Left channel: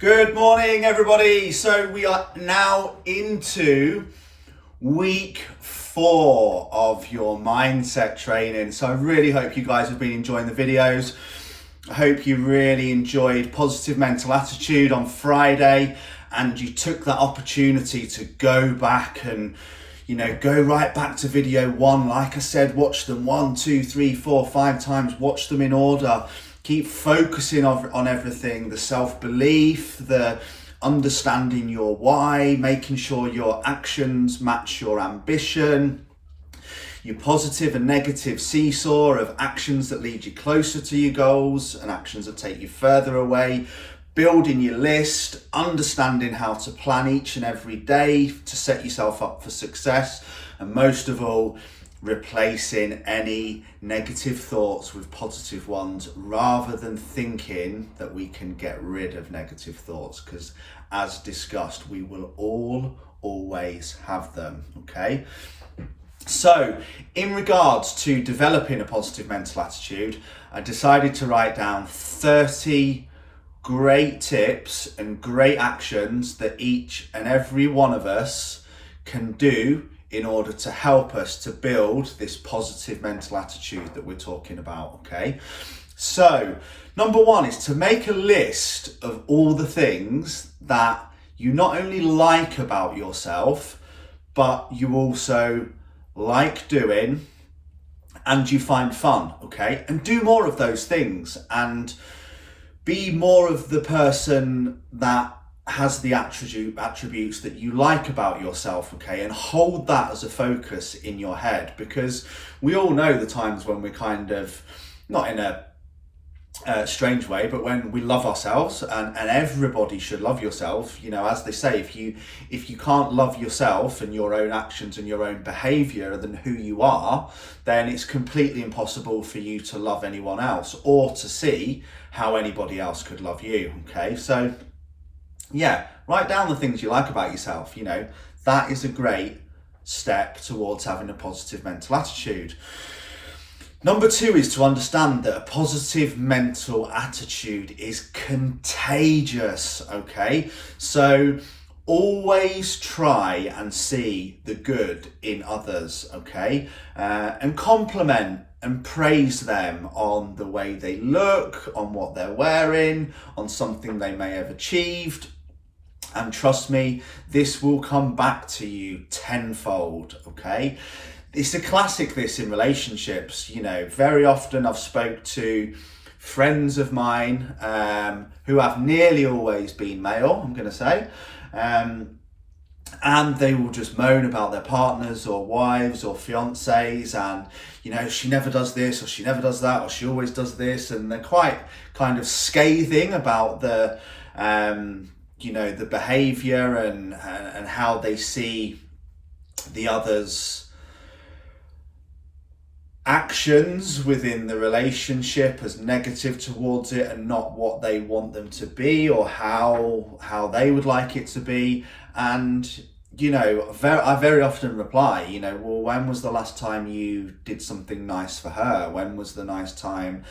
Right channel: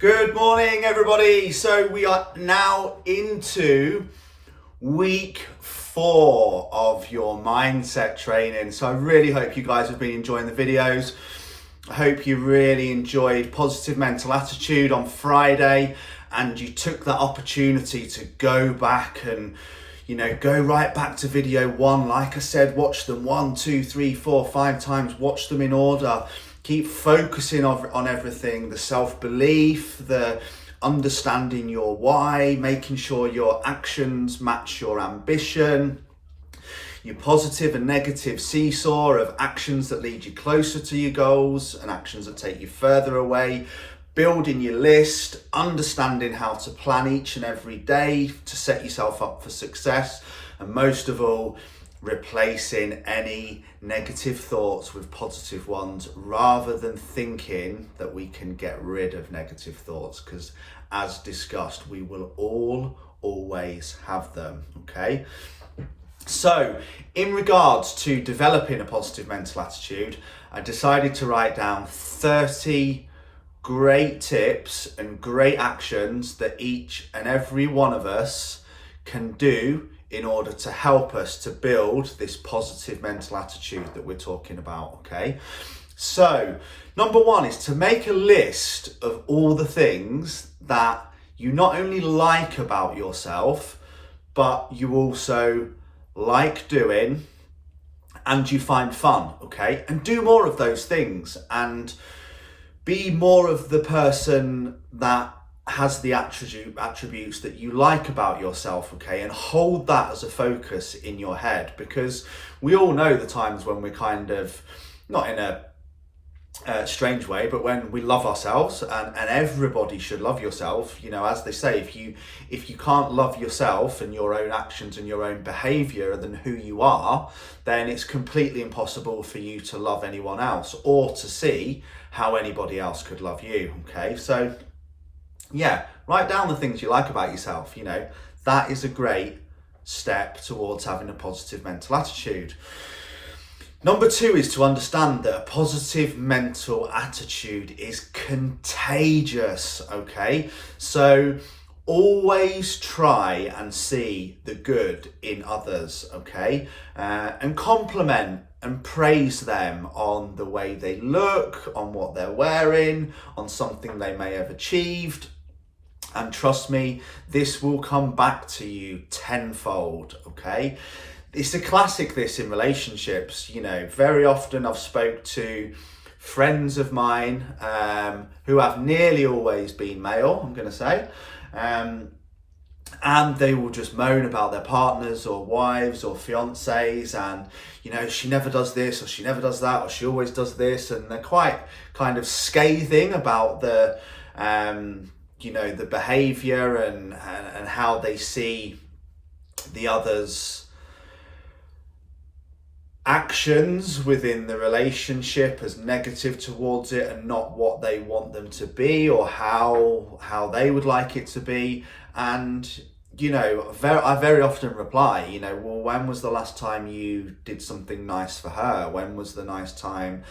Good morning, everybody. So we are now into week 4 of your mindset training. So I really hope you guys have been enjoying the videos. I hope you really enjoyed positive mental attitude on Friday and you took that opportunity to go back and go right back to video 1. Like I said, watch them 1, 2, 3, 4, 5 times, watch them in order. Keep focusing on everything, the self-belief, the understanding your why, making sure your actions match your ambition, your positive and negative seesaw of actions that lead you closer to your goals and actions that take you further away, building your list, understanding how to plan each and every day to set yourself up for success, and most of all, replacing any negative thoughts with positive ones rather than thinking that we can get rid of negative thoughts, because as discussed, we will all always have them. Okay, so in regards to developing a positive mental attitude, I decided to write down 30 great tips and great actions that each and every one of us can do in order to help us to build this positive mental attitude that we're talking about. Okay, so number 1 is to make a list of all the things that you not only like about yourself, but you also like doing and you find fun. Okay, and do more of those things and be more of the person that has the attributes that you like about yourself. Okay, and hold that as a focus in your head, because we all know the times when we're kind of, not in a strange way, but when we love ourselves, and everybody should love yourself. As they say, if you can't love yourself and your own actions and your own behavior than who you are, then it's completely impossible for you to love anyone else or to see how anybody else could love you. Okay, so yeah, write down the things you like about yourself. That is a great step towards having a positive mental attitude. Number 2 is to understand that a positive mental attitude is contagious. Okay, so always try and see the good in others. Okay, and compliment and praise them on the way they look, on what they're wearing, on something they may have achieved. And trust me, this will come back to you tenfold. Okay, it's a classic, this, in relationships. Very often I've spoke to friends of mine who have nearly always been male, I'm going to say, and they will just moan about their partners or wives or fiancés, and she never does this or she never does that or she always does this, and they're quite kind of scathing about the the behavior and how they see the other's actions within the relationship as negative towards it and not what they want them to be or how they would like it to be. And I very often reply, well, when was the last time you did something nice for her? When was the last time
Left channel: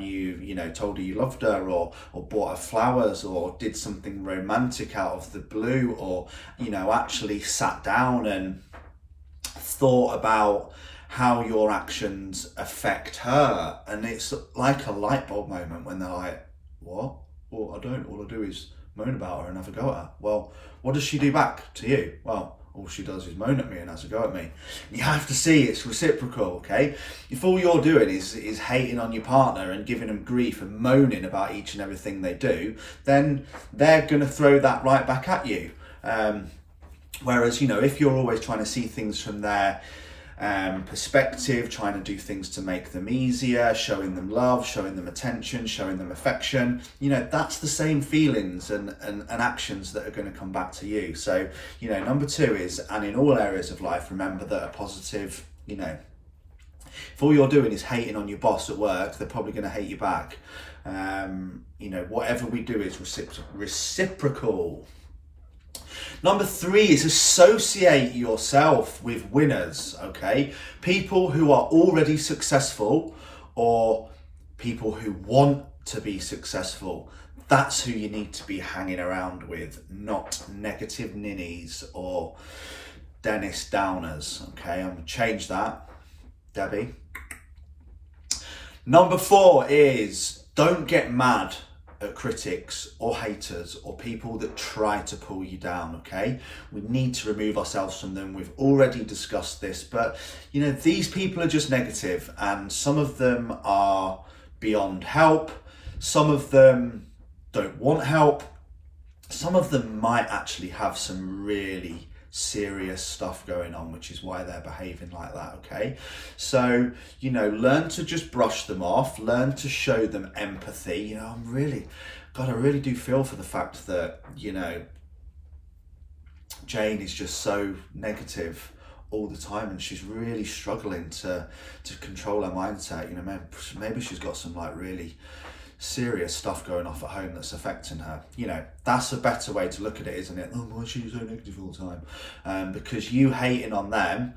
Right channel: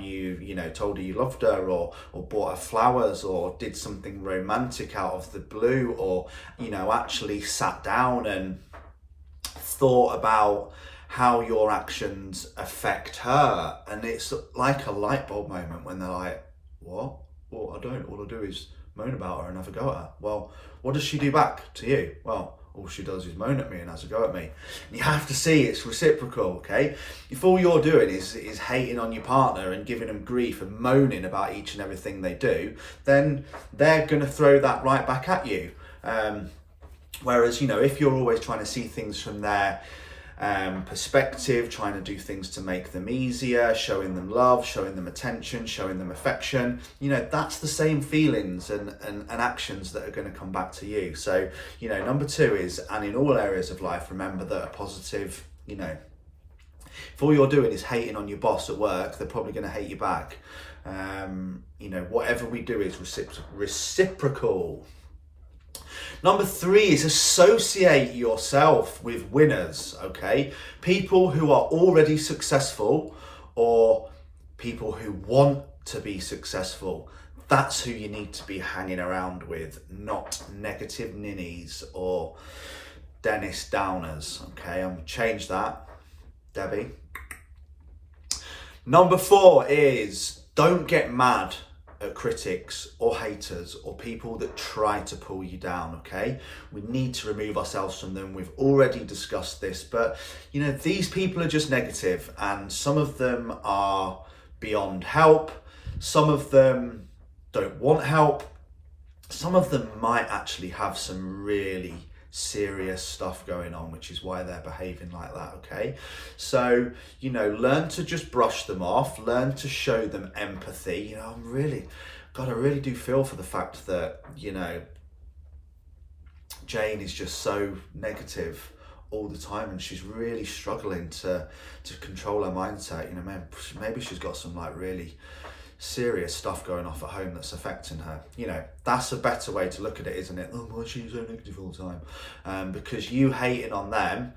you told her you loved her, or bought her flowers, or did something romantic out of the blue, or actually sat down and thought about how your actions affect her? And it's like a light bulb moment when they're like, what? Well, I don't. All I do is moan about her and have a go at her. Well, what does she do back to you? Well, all she does is moan at me and has a go at me. And you have to see it's reciprocal. Okay, if all you're doing is hating on your partner and giving them grief and moaning about each and everything they do, then they're going to throw that right back at you. Whereas if you're always trying to see things from their perspective, trying to do things to make them easier, showing them love, showing them attention, showing them affection, that's the same feelings and actions that are going to come back to you. So number 2 is, and in all areas of life, remember that a positive, if all you're doing is hating on your boss at work, they're probably going to hate you back. Whatever we do is reciprocal. Number 3 is associate yourself with winners. Okay, people who are already successful or people who want to be successful. That's who you need to be hanging around with, not negative ninnies or Dennis Downers. Okay, I'm gonna change that, Debbie. Number 4 is don't get mad at critics or haters or people that try to pull you down. Okay, we need to remove ourselves from them. We've already discussed this, but you know, these people are just negative, and some of them are beyond help. Some of them don't want help. Some of them might actually have some really serious stuff going on, which is why they're behaving like that. Okay, so you know, learn to just brush them off, learn to show them empathy. You know, I really do feel for the fact that, you know, Jane is just so negative all the time, and she's really struggling to control her mindset. You know, maybe she's got some like really serious stuff going off at home that's affecting her. You know, that's a better way to look at it, isn't it? Oh, why is she so negative all the time? Because you hating on them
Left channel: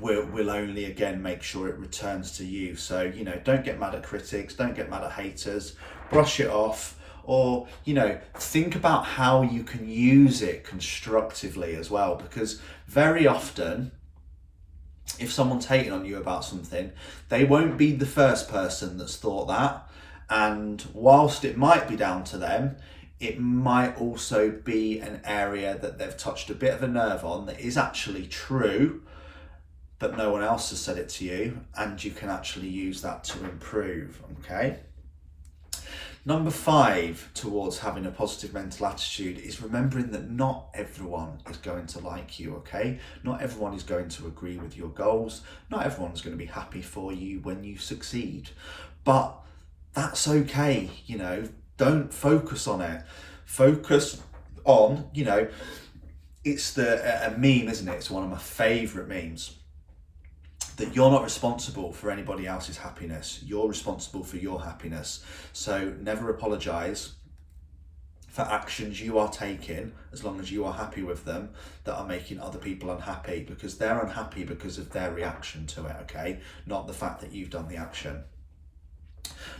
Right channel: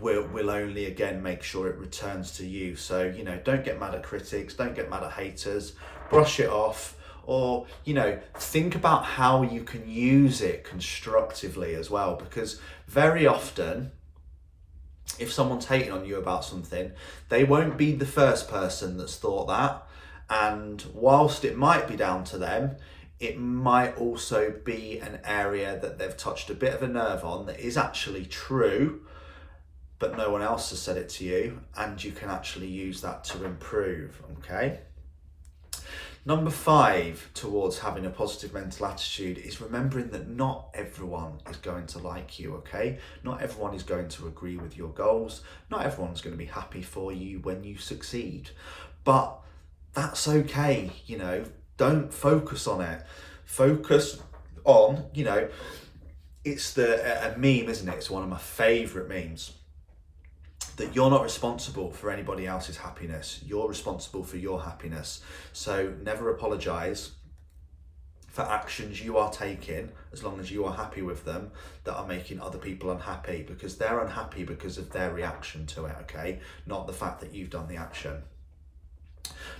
will only again make sure it returns to you. So, you know, don't get mad at critics, don't get mad at haters, brush it off, or, you know, think about how you can use it constructively as well, because very often if someone's hating on you about something, they won't be the first person that's thought that. And whilst it might be down to them, it might also be an area that they've touched a bit of a nerve on that is actually true, but no one else has said it to you, and you can actually use that to improve. Okay. Number 5 towards having a positive mental attitude is remembering that not everyone is going to like you, okay? Not everyone is going to agree with your goals. Not everyone's going to be happy for you when you succeed. But that's okay, you know, don't focus on it. Focus on, you know, it's a meme, isn't it? It's one of my favourite memes. That you're not responsible for anybody else's happiness. You're responsible for your happiness. So never apologise for actions you are taking, as long as you are happy with them, that are making other people unhappy, because they're unhappy because of their reaction to it, okay? Not the fact that you've done the action.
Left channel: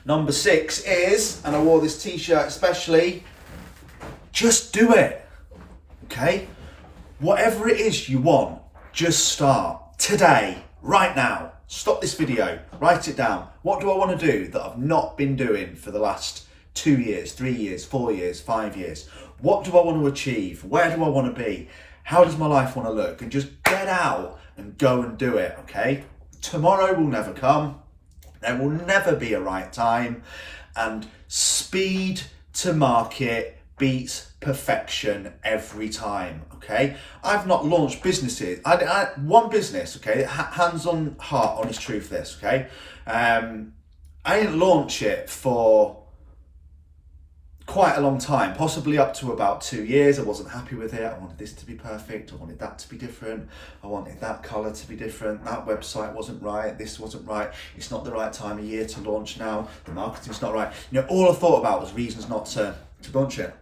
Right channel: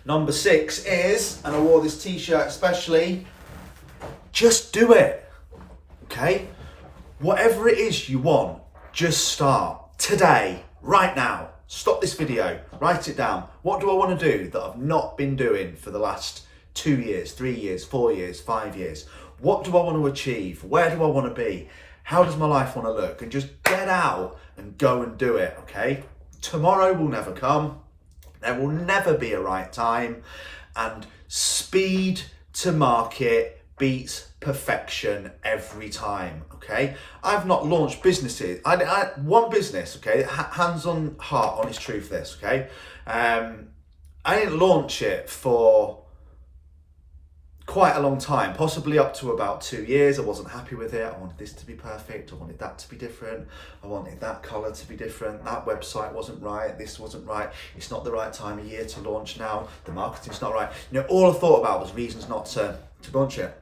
Number 6 is, and I wore this t-shirt especially, just do it, okay? Whatever it is you want, just start today. Right now, stop this video, write it down. What do I want to do that I've not been doing for the last 2 years, 3 years, 4 years, 5 years? What do I want to achieve? Where do I want to be? How does my life want to look? And just get out and go and do it, okay? Tomorrow will never come. There will never be a right time. And speed to market beats perfection every time, okay? I've not launched businesses. I one business, okay? Hands on heart, honest truth this, okay? I didn't launch it for quite a long time, possibly up to about 2 years. I wasn't happy with it. I wanted this to be perfect. I wanted that to be different. I wanted that colour to be different. That website wasn't right. This wasn't right. It's not the right time of year to launch now. The marketing's not right. You know, all I thought about was reasons not to launch it.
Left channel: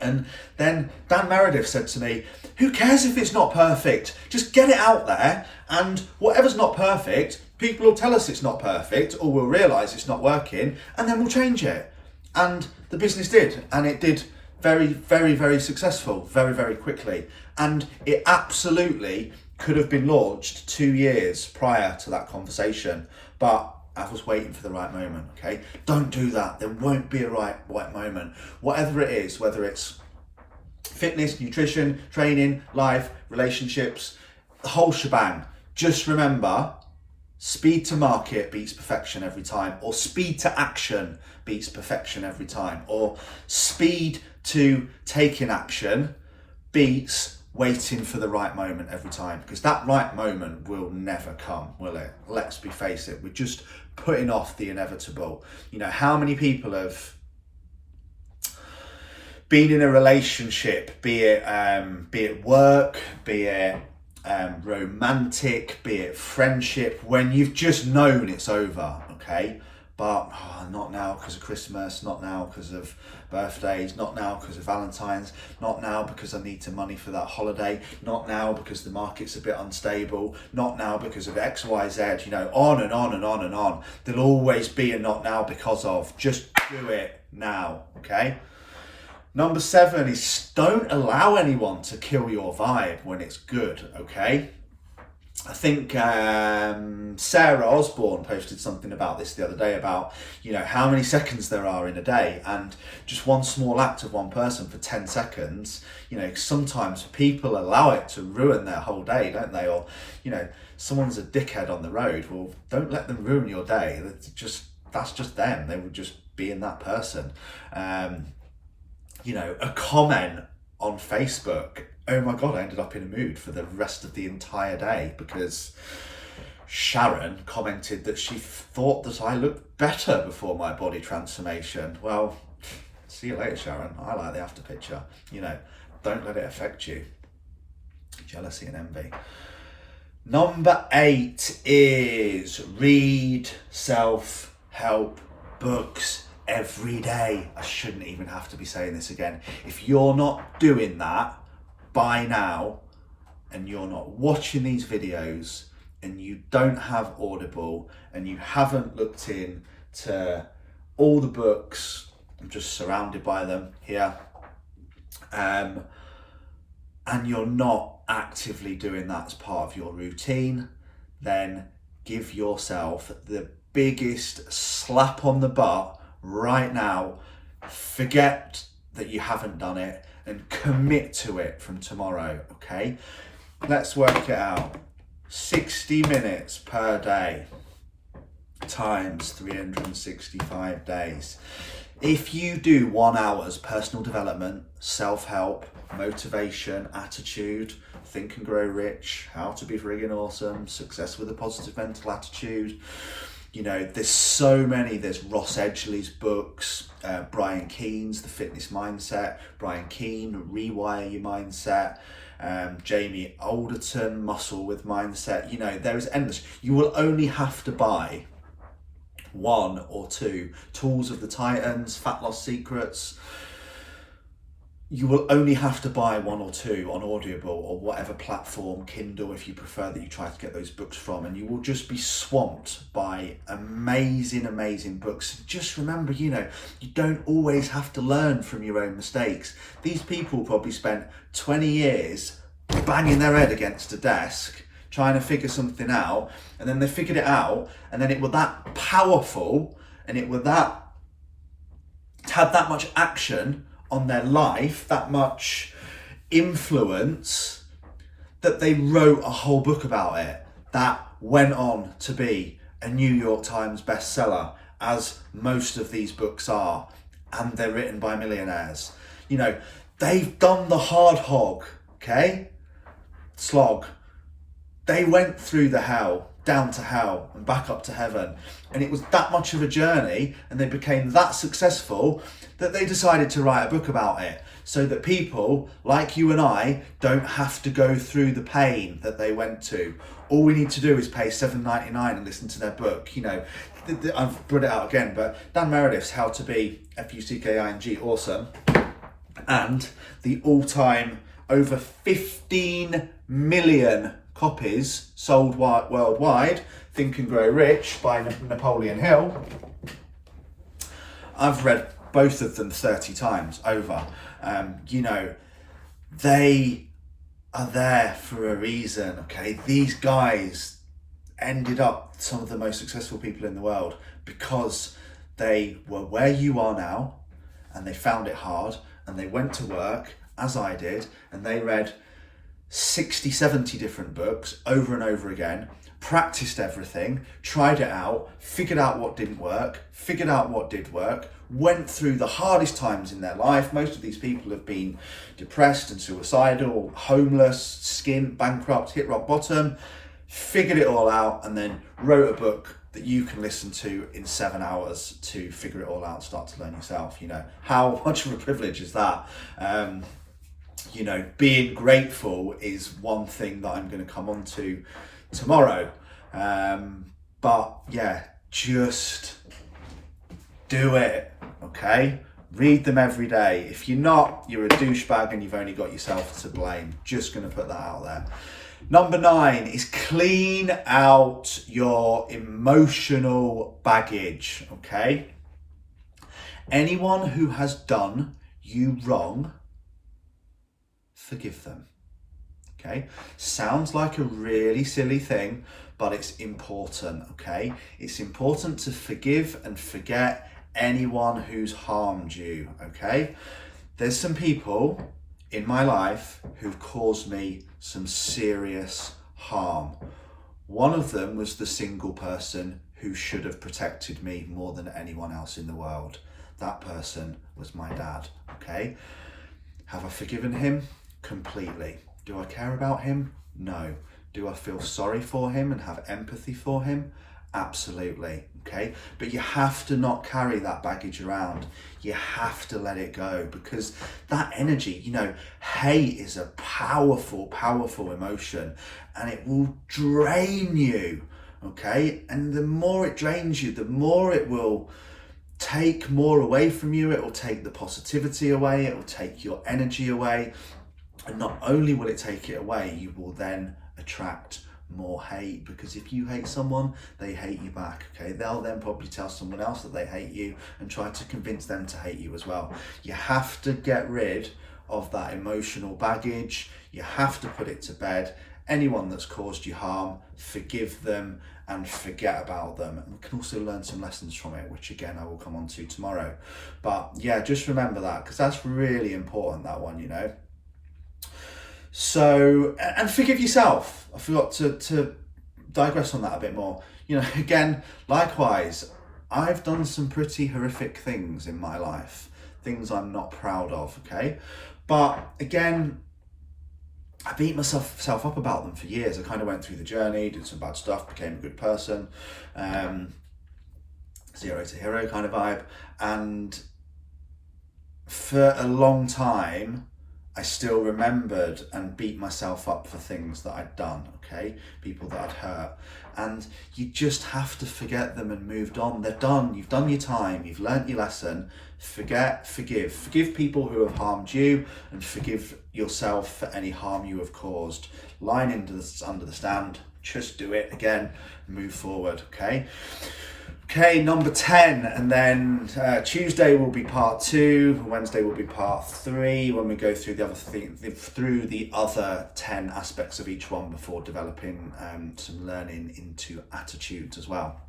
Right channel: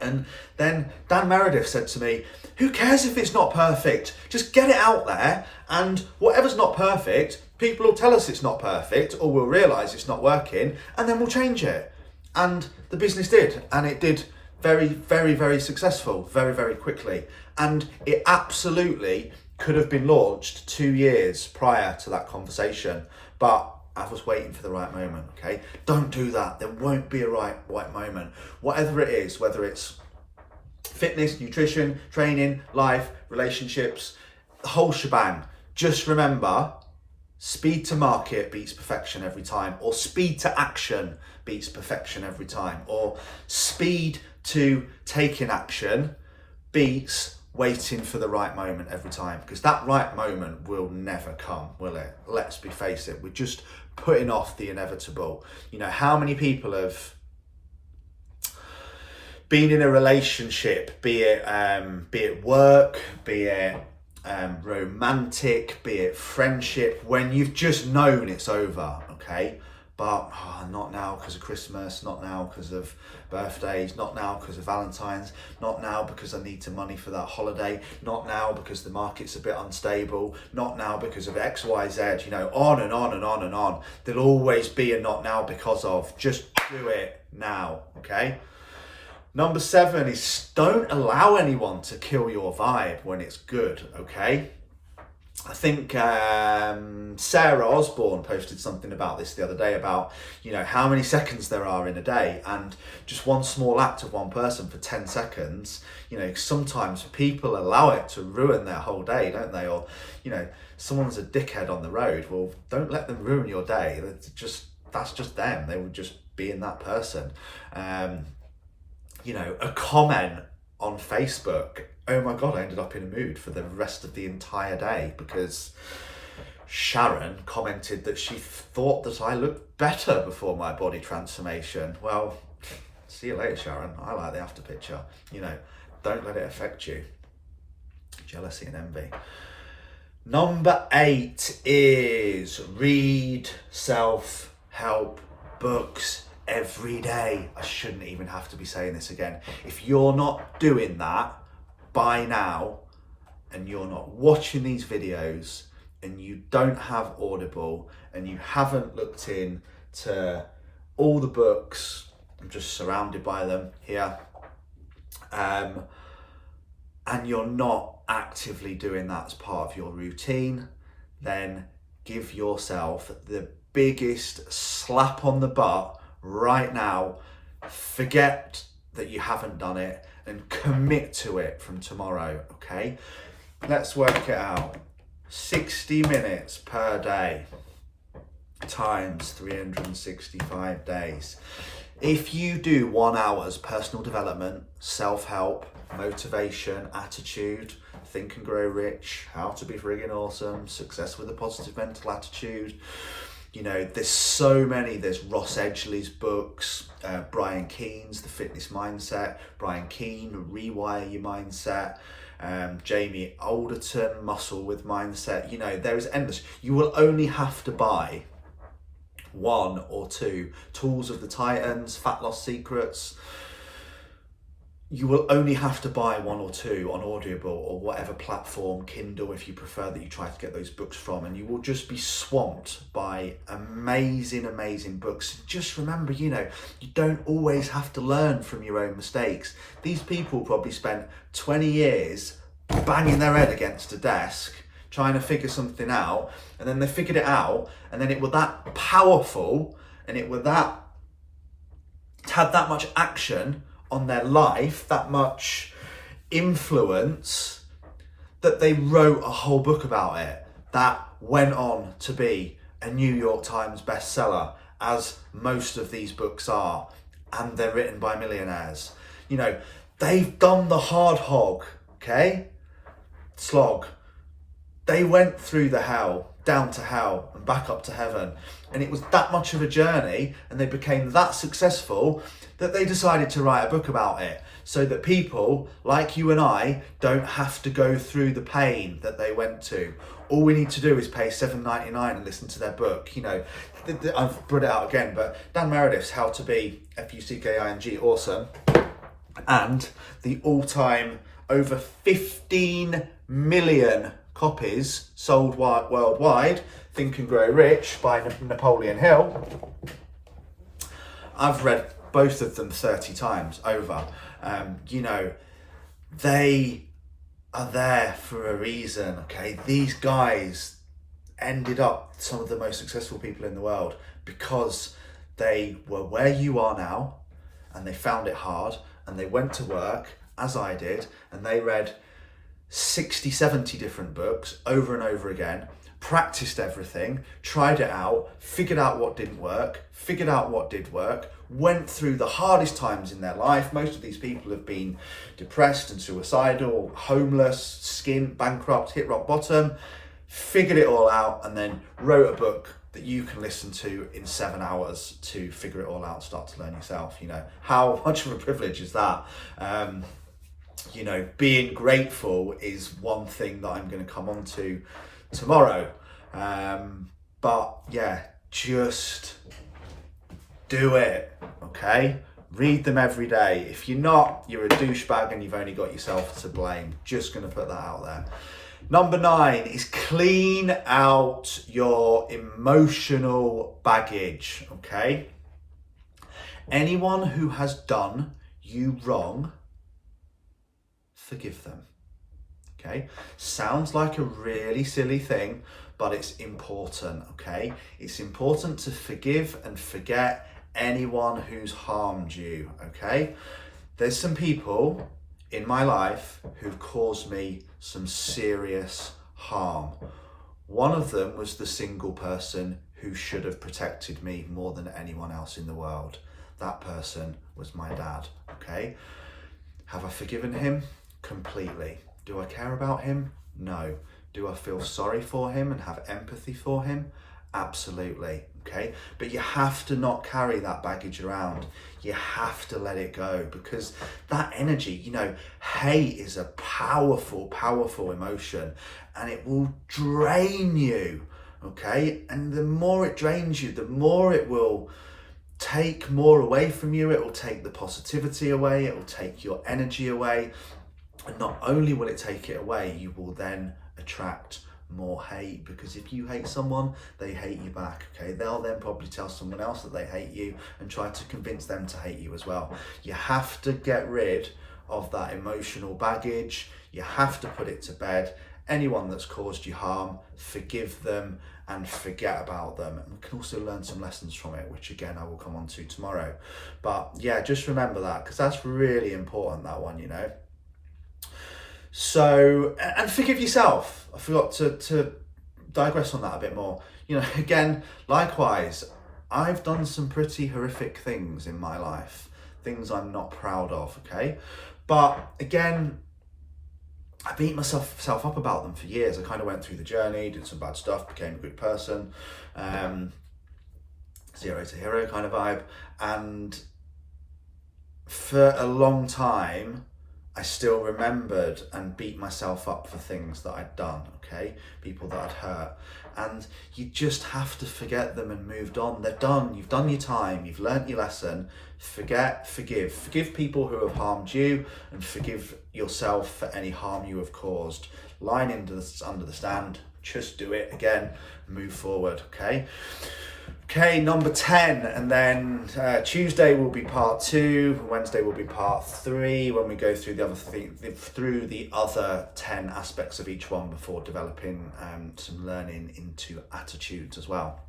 And then Dan Meredith said to me, who cares if it's not perfect? Just get it out there, and whatever's not perfect, people will tell us it's not perfect, or we'll realise it's not working, and then we'll change it. And the business did, and it did very, very, very successful, very, very quickly. And it absolutely could have been launched 2 years prior to that conversation, but I was waiting for the right moment, okay? Don't do that. There won't be a right moment. Whatever it is, whether it's fitness, nutrition, training, life, relationships, the whole shebang. Just remember, speed to market beats perfection every time, or speed to action beats perfection every time, or speed to taking action beats waiting for the right moment every time, because that right moment will never come, will it? Let's face it, we're just putting off the inevitable. You know, how many people have been in a relationship, be it work, be it romantic, be it friendship, when you've just known it's over, okay? but not now because of Christmas, not now because of birthdays, not now because of Valentine's, not now because I need some money for that holiday, not now because the market's a bit unstable, not now because of X, Y, Z, you know, on and on and on and on. There'll always be a not now because of. Just do it now, okay? Number 7 is don't allow anyone to kill your vibe when it's good, okay? I think Sarah Osborne posted something about this the other day about, you know, how many seconds there are in a day, and just one small act of one person for 10 seconds, you know, sometimes people allow it to ruin their whole day, don't they? Or, you know, someone's a dickhead on the road. Well, don't let them ruin your day. That's just them. They would just be in that person. You know, a comment on Facebook, oh my God, I ended up in a mood for the rest of the entire day because Sharon commented that she thought that I looked better before my body transformation. Well, see you later, Sharon. I like the after picture. You know, don't let it affect you. Jealousy and envy. Number 8 is read self-help books every day. I shouldn't even have to be saying this again. If you're not doing that by now, and you're not watching these videos, and you don't have Audible, and you haven't looked into all the books, I'm just surrounded by them here, and you're not actively doing that as part of your routine, then give yourself the biggest slap on the butt right now. Forget that you haven't done it and commit to it from tomorrow, okay? Let's work it out. 60 minutes per day times 365 days. If you do 1 hour's personal development, self-help, motivation, attitude, Think and Grow Rich, How to Be Friggin' Awesome, Success with a Positive Mental Attitude, you know, there's so many. There's Ross Edgley's books, Brian Keene's The Fitness Mindset, Brian Keene, Rewire Your Mindset, Jamie Alderton, Muscle with Mindset. You know, there is endless. You will only have to buy 1 or 2. Tools of the Titans, Fat Loss Secrets. You will only have to buy 1 or 2 on Audible or whatever platform, Kindle if you prefer, that you try to get those books from, and you will just be swamped by amazing, amazing books. Just remember, you know, you don't always have to learn from your own mistakes. These people probably spent 20 years banging their head against a desk trying to figure something out, and then they figured it out, and then it was that powerful, and it had that much action on their life, that much influence, that they wrote a whole book about it that went on to be a New York Times bestseller, as most of these books are, and they're written by millionaires. You know, they've done the hard hog, okay? Slog. They went through the hell, down to hell and back up to heaven. And it was that much of a journey, and they became that successful that they decided to write a book about it, so that people like you and I don't have to go through the pain that they went to. All we need to do is pay $7.99 and listen to their book. You know, I've brought it out again, but Dan Meredith's How to Be F-U-C-K-I-N-G Awesome, and the all-time over 15 million copies sold worldwide, Think and Grow Rich by Napoleon Hill. I've read both of them 30 times over. You know, they are there for a reason, okay? These guys ended up some of the most successful people in the world because they were where you are now, and they found it hard, and they went to work, as I did, and they read 60, 70 different books over and over again, practiced everything, tried it out, figured out what didn't work, figured out what did work, went through the hardest times in their life. Most of these people have been depressed and suicidal, homeless, bankrupt, hit rock bottom, figured it all out, and then wrote a book that you can listen to in 7 hours to figure it all out, start to learn yourself. You know, how much of a privilege is that? You know, being grateful is one thing that I'm going to come on to tomorrow. But yeah, just do it, okay? Read them every day. If you're not, you're a douchebag and you've only got yourself to blame. Just going to put that out there. Number 9 is clean out your emotional baggage, okay? Anyone who has done you wrong, forgive them, okay? Sounds like a really silly thing, but it's important, okay? It's important to forgive and forget anyone who's harmed you, okay? There's some people in my life who've caused me some serious harm. One of them was the single person who should have protected me more than anyone else in the world. That person was my dad, okay? Have I forgiven him? Completely. Do I care about him? No. Do I feel sorry for him and have empathy for him? Absolutely, okay? But you have to not carry that baggage around. You have to let it go, because that energy, hate is a powerful, powerful emotion, and it will drain you, okay? And the more it drains you, the more it will take more away from you. It will take the positivity away. It will take your energy away. And not only will it take it away, you will then attract more hate, because if you hate someone, they hate you back, okay? They'll then probably tell someone else that they hate you and try to convince them to hate you as well. You have to get rid of that emotional baggage. You have to put it to bed. Anyone that's caused you harm, forgive them and forget about them. And we can also learn some lessons from it, which again I will come on to tomorrow. But yeah, just remember that, because that's really important, that one, So, and forgive yourself. I forgot to digress on that a bit more. Again, likewise, I've done some pretty horrific things in my life, things I'm not proud of, okay? But again, I beat myself up about them for years. I kind of went through the journey, did some bad stuff, became a good person, 0 to hero kind of vibe. And for a long time, I still remembered and beat myself up for things that I'd done, okay? People that I'd hurt. And you just have to forget them and moved on. They're done. You've done your time. You've learnt your lesson. Forget, forgive. Forgive people who have harmed you, and forgive yourself for any harm you have caused. Line under the stand. Just do it again. Move forward, okay? Okay, number 10, and then Tuesday will be part 2, Wednesday will be part 3, when we go through through the other 10 aspects of each one before developing some learning into attitudes as well.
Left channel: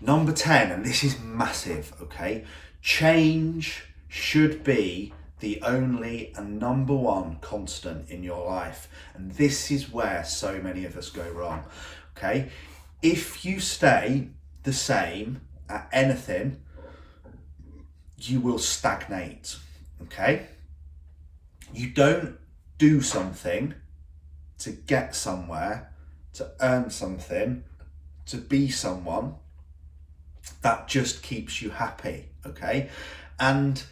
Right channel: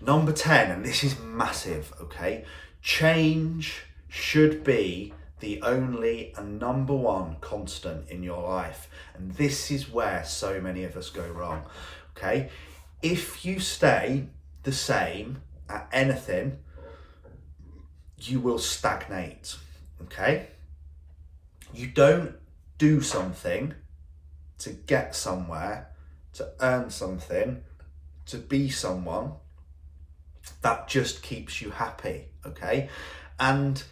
Number 10, and this is massive, okay? Change should be the only and number one constant in your life. And this is where so many of us go wrong, okay? If you stay the same at anything, you will stagnate, okay? You don't do something to get somewhere, to earn something, to be someone. That just keeps you happy, okay? And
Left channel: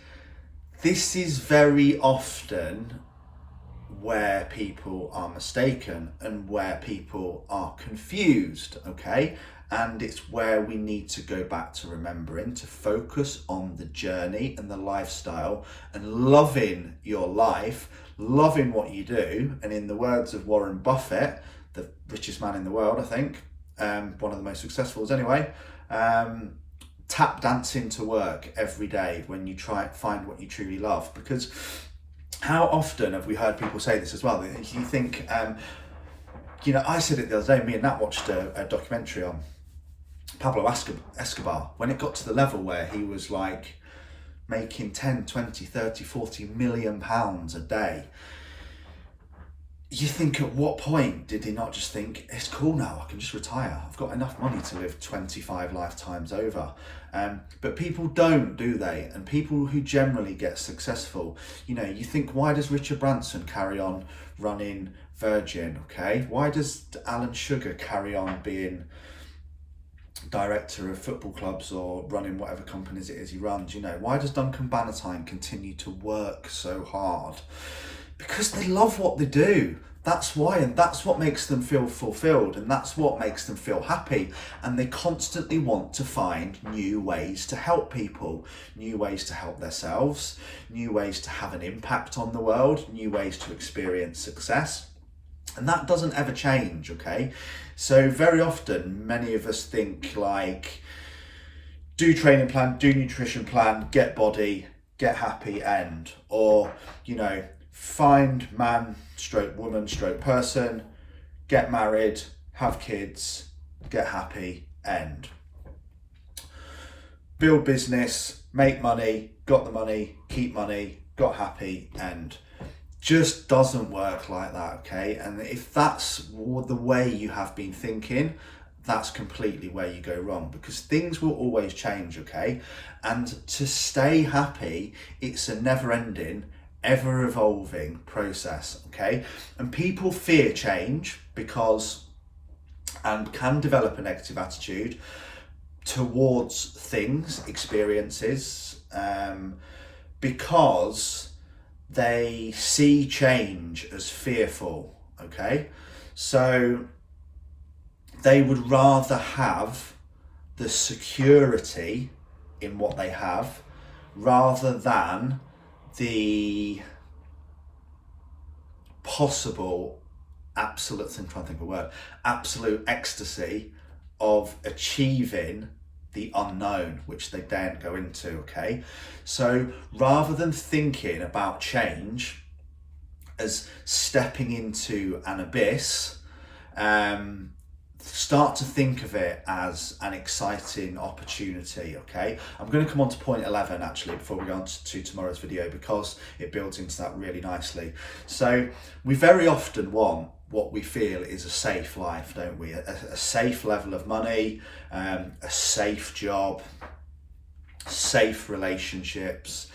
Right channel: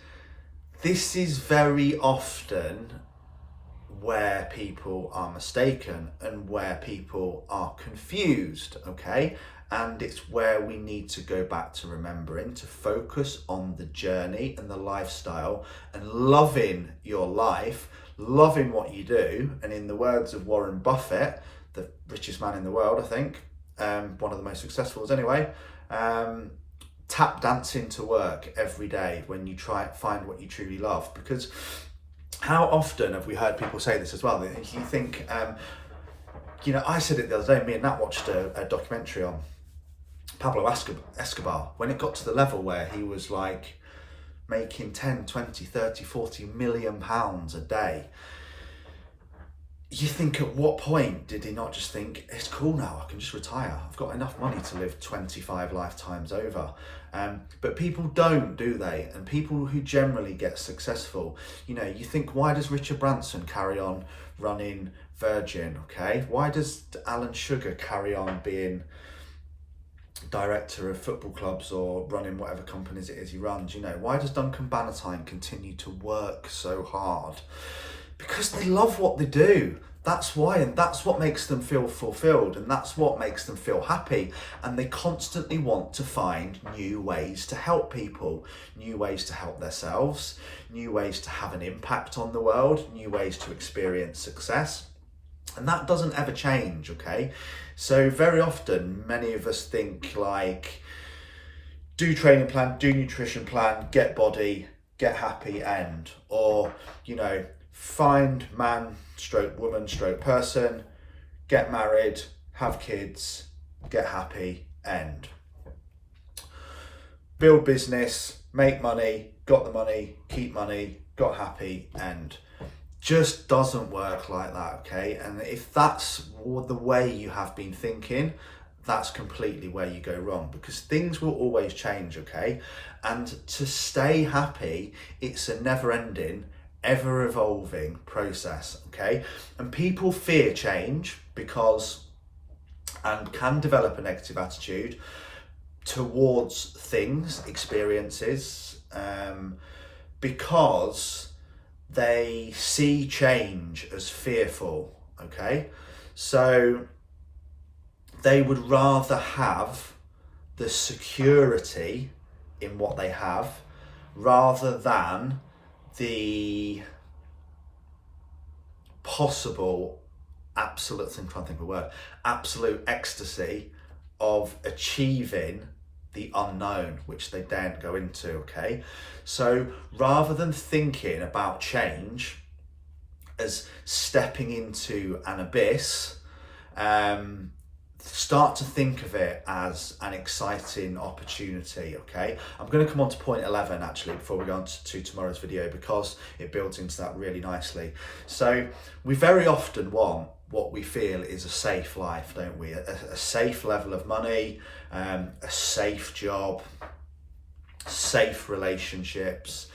this is very often where people are mistaken and where people are confused, okay? And it's where we need to go back to remembering to focus on the journey and the lifestyle and loving your life, loving what you do. And in the words of Warren Buffett, the richest man in the world, I think, one of the most successful anyway, tap dancing to work every day when you try and find what you truly love. Because how often have we heard people say this as well? You think, I said it the other day, me and Nat watched a documentary on Pablo Escobar, when it got to the level where he was like making 10, 20, 30, 40 million pounds a day. You think, at what point did he not just think, it's cool now, I can just retire, I've got enough money to live 25 lifetimes over? But people don't, do they? And people who generally get successful, you think, why does Richard Branson carry on running Virgin, okay? Why does Alan Sugar carry on being director of football clubs or running whatever companies it is he runs? Why does Duncan Bannatyne continue to work so hard? Because they love what they do. That's why, and that's what makes them feel fulfilled, and that's what makes them feel happy. And they constantly want to find new ways to help people, new ways to help themselves, new ways to have an impact on the world, new ways to experience success. And that doesn't ever change, okay? So very often, many of us think like, do training plan, do nutrition plan, get body, get happy, end. Or, you know, find man, stroke woman, stroke person, get married, have kids, get happy, end. Build business, make money, got the money, keep money, got happy, end. Just doesn't work like that, okay? And if that's the way you have been thinking, that's completely where you go wrong, because things will always change, okay? And to stay happy, it's a never-ending, ever-evolving process, okay? And people fear change and can develop a negative attitude towards things, experiences, because they see change as fearful, okay? So they would rather have the security in what they have rather than the possible absolute ecstasy of achieving the unknown, which they daren't go into, okay? So rather than thinking about change as stepping into an abyss, start to think of it as an exciting opportunity, okay? I'm going to come on to point 11 actually before we go on to tomorrow's video, because it builds into that really nicely. So we very often want what we feel is a safe life, don't we? A safe level of money, a safe job, safe relationships.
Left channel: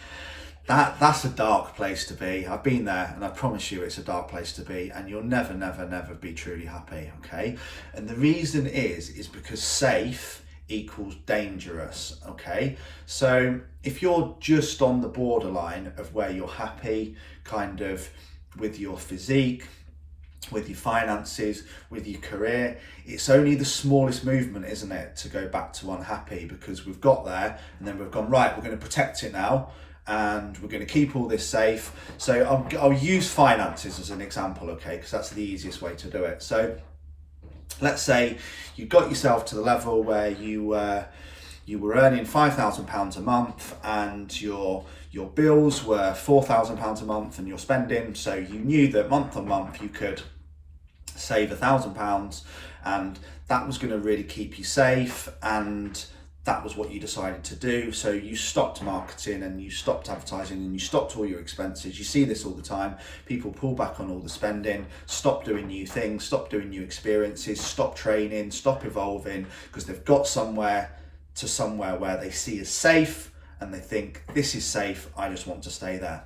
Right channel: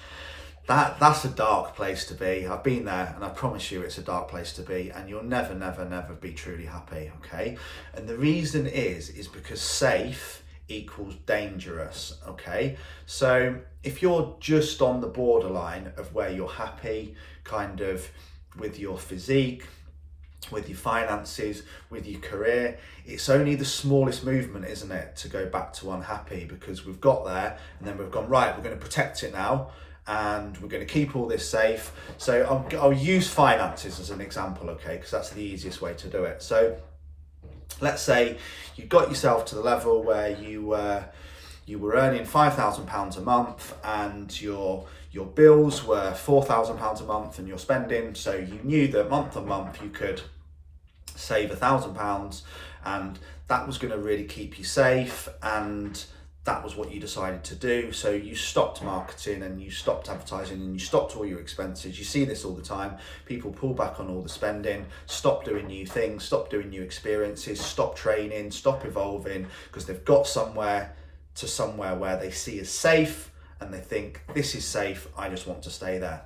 That's a dark place to be. I've been there, and I promise you it's a dark place to be, and you'll never be truly happy, okay? And the reason is because safe equals dangerous, okay? So if you're just on the borderline of where you're happy, kind of with your physique, with your finances, with your career, it's only the smallest movement, isn't it, to go back to unhappy, because we've got there and then we've gone, right, we're going to protect it now and we're going to keep all this safe. So I'll use finances as an example, okay, because that's the easiest way to do it. So let's say you got yourself to the level where you were earning £5,000 a month and your bills were £4,000 a month, and you're spending, so you knew that month on month you could save £1,000, and that was going to really keep you safe, and that was what you decided to do. So you stopped marketing and you stopped advertising and you stopped all your expenses. You see this all the time. People pull back on all the spending, stop doing new things, stop doing new experiences, stop training, stop evolving, because they've got somewhere where they see as safe and they think, this is safe, I just want to stay there.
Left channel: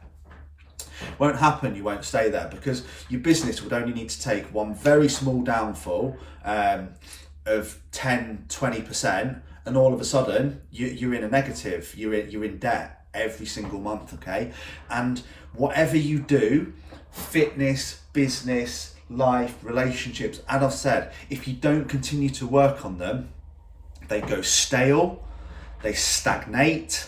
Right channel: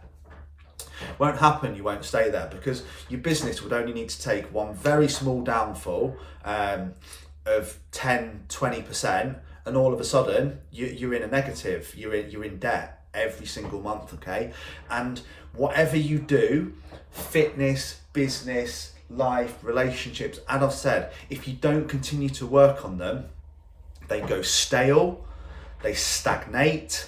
Won't happen, you won't stay there, because your business would only need to take one very small downfall of 10-20%, and all of a sudden you're in a negative, you're in debt every single month, okay? And whatever you do, fitness, business, life, relationships, as I've said, if you don't continue to work on them, they go stale, they stagnate,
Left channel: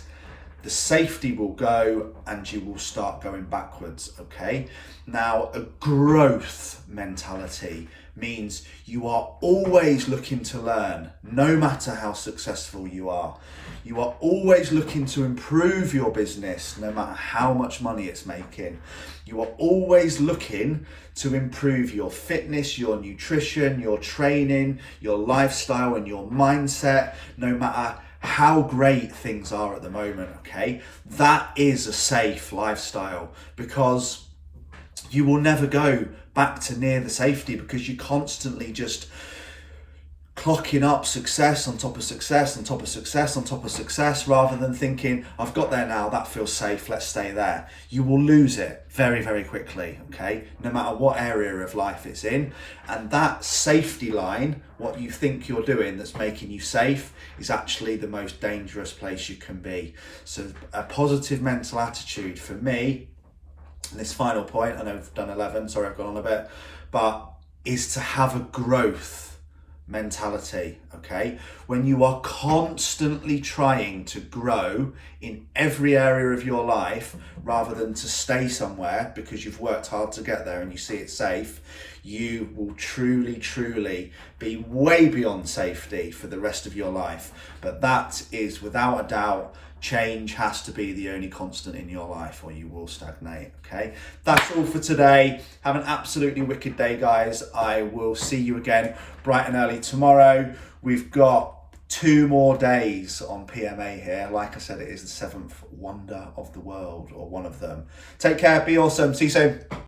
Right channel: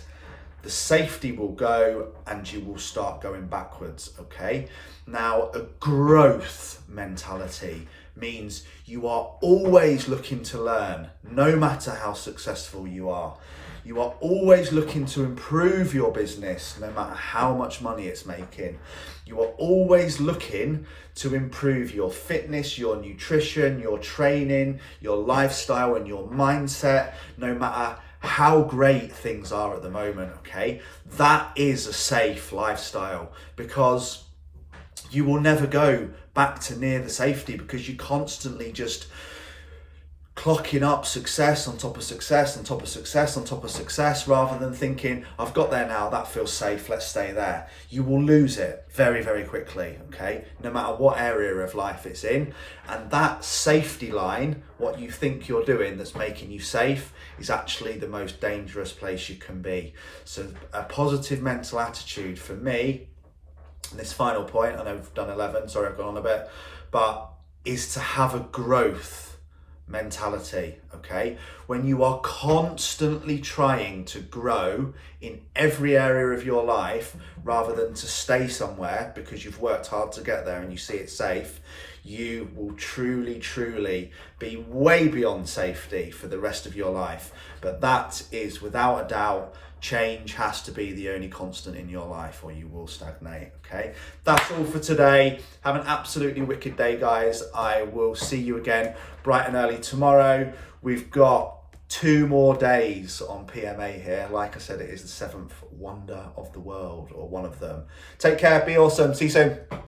the safety will go, and you will start going backwards, okay? Now, a growth mentality means you are always looking to learn, no matter how successful you are. You are always looking to improve your business, no matter how much money it's making. You are always looking to improve your fitness, your nutrition, your training, your lifestyle, and your mindset, no matter how great things are at the moment, okay? That is a safe lifestyle, because you will never go back to near the safety, because you're constantly just clocking up success on top of success on top of success on top of success, rather than thinking, I've got there now, that feels safe, let's stay there. You will lose it very, very quickly, okay? No matter what area of life it's in. And that safety line, what you think you're doing that's making you safe, is actually the most dangerous place you can be. So a positive mental attitude for me, and this final point, I know I've done 11, sorry I've gone on a bit, but is to have a growth mentality, okay? When you are constantly trying to grow in every area of your life rather than to stay somewhere because you've worked hard to get there and you see it safe, you will truly be way beyond safety for the rest of your life. But that is without a doubt, change has to be the only constant in your life or you will stagnate, okay? That's all for today. Have an absolutely wicked day, guys. I will see you again bright and early tomorrow. We've got 2 more days on PMA here. Like I said, it is the 7th wonder of the world, or one of them. Take care, be awesome. See you soon.